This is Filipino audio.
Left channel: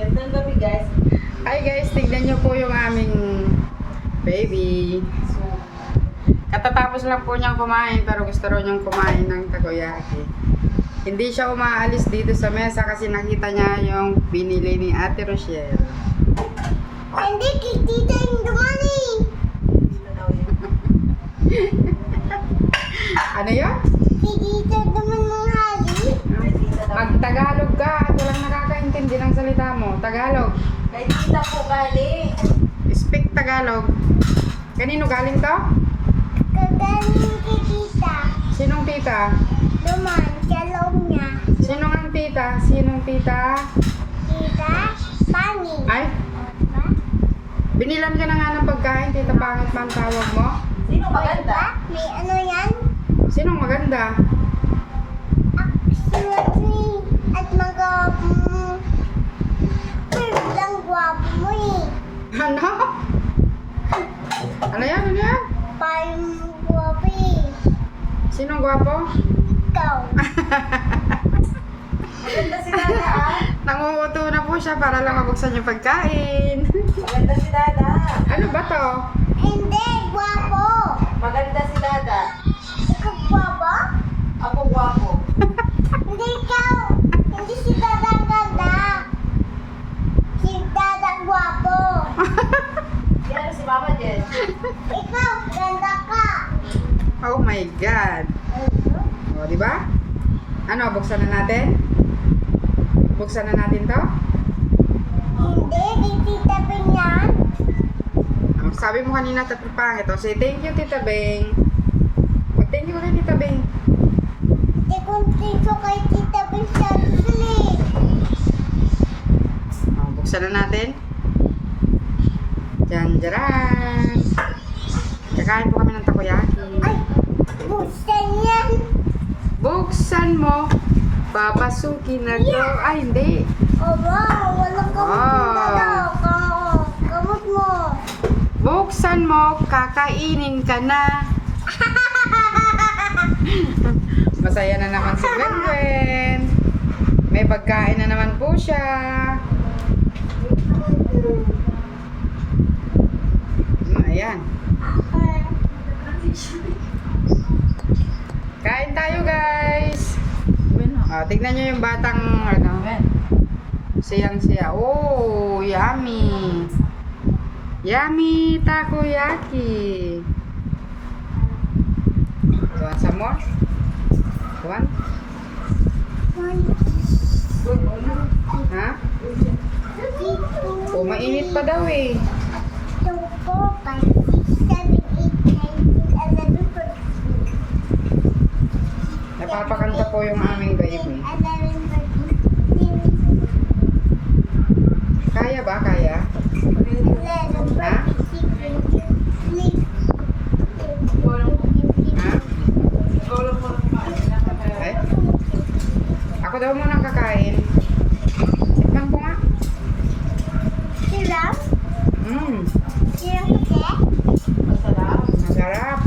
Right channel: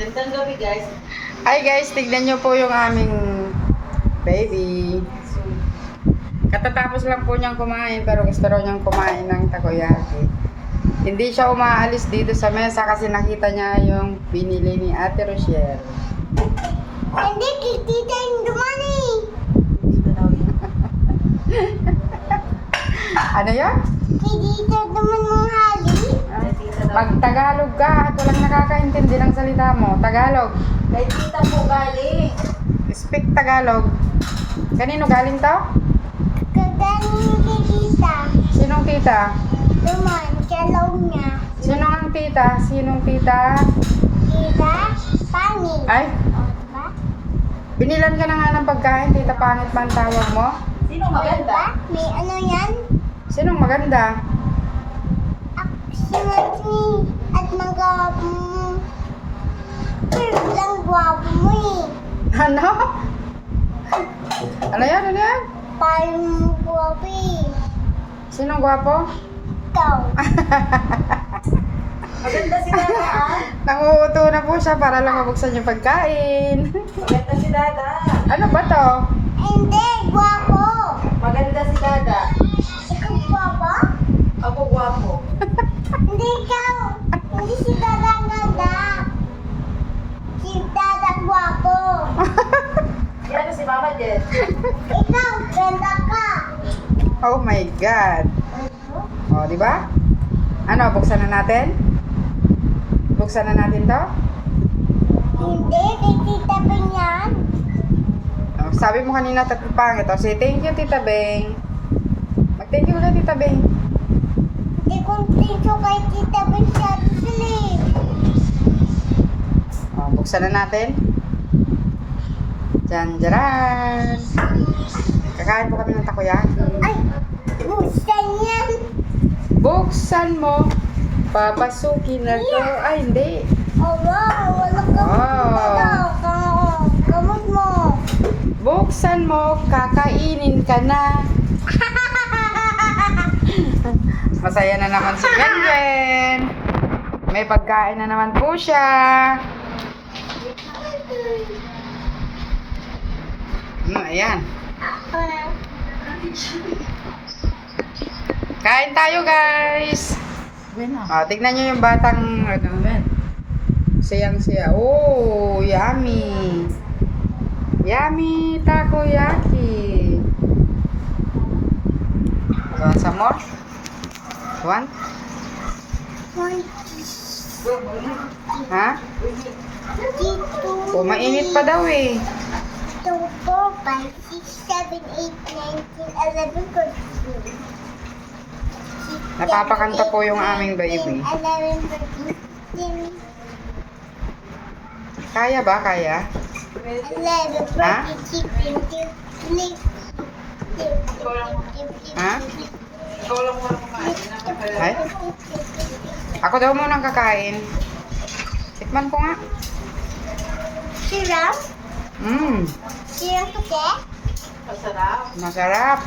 Gandang gabi guys. Hi guys, tignan nyo po yung aming baby. Katatapos lang po niyang kumain pero gusto raw niyang kumain ng takoyaki. Hindi siya umaalis dito sa mesa kasi nakita niya yung binili ni Ate Rochelle. Hindi, kitita yung dumani. Ano yun? Kitita naman mga hali. Mag-Tagalog ka at walang nakakaintindi ng salita mo. Tagalog. Kay tita po galing. Speak Tagalog. Kanino galing to? Kagaling kitita. Sinong tita? Duman, kalong niya. Sinong ang tita? Sinong tita? Kita, pangit. Ay, O, diba? binilan ka na nga ng pagkain. Tita pangit man tawag mo. Sino O, maganda? diba? May ano yan? Sinong maganda? Sinatni at mga lang gwapo mo eh. Ano? Ano yan? Ano yan? Parang gwapo eh. Sinong gwapo? Ikaw. Maganda si Dada ah. Nanguuto na po siya para lang mabuksan yung pagkain. Maganda si Dada. Ano ba to? Hindi, gwapo. Maganda si Dada. Ikaw gwapo? Ako gwapo. Hindi ikaw. Hindi si Dada ganda. Si Dada gwapo. Yan si Mama Jen. Ikaw, ganda ka. Oh my God. O, di ba? Ano, buksan na natin? Buksan na natin to? Hindi, di Tita Bing yan. Oh, sabi mo kanina tatlo pangit. O, say thank you, Tita Beng. Mag-thank you kay Tita Beng. Hindi kong tinso kay Tita Bing siya tusilip. O, buksan na natin. Diyan. Kakain po kami ng takoyaki. Ay, buksan yan. Buksan mo. Papasukin na to. Ay, hindi. Oh, wow, walang gamot gamot mo. Buksan mo, kakainin ka na. Masaya na naman si Gwen. May pagkain na naman po siya. Ayan. Kain tayo, guys. Tignan nyo yung batang ano. Sayang-saya. Oh, yummy. Yummy takoyaki. You want some more? Want? Ha? Oh, mainit pa daw eh. 2, 4, 5, 6, 7, 8, 9, 10, 11, 12. Napapakanta po yung aming baby. 11, 13, Kaya ba? Kaya? 11, Ha? 14, 15, 16, Ha? Ikaw lang mo kumain. Ay? Ako daw munang kakain. Tikman ko nga. Siram? Mmm, Siram kasi? Masarap. masarap.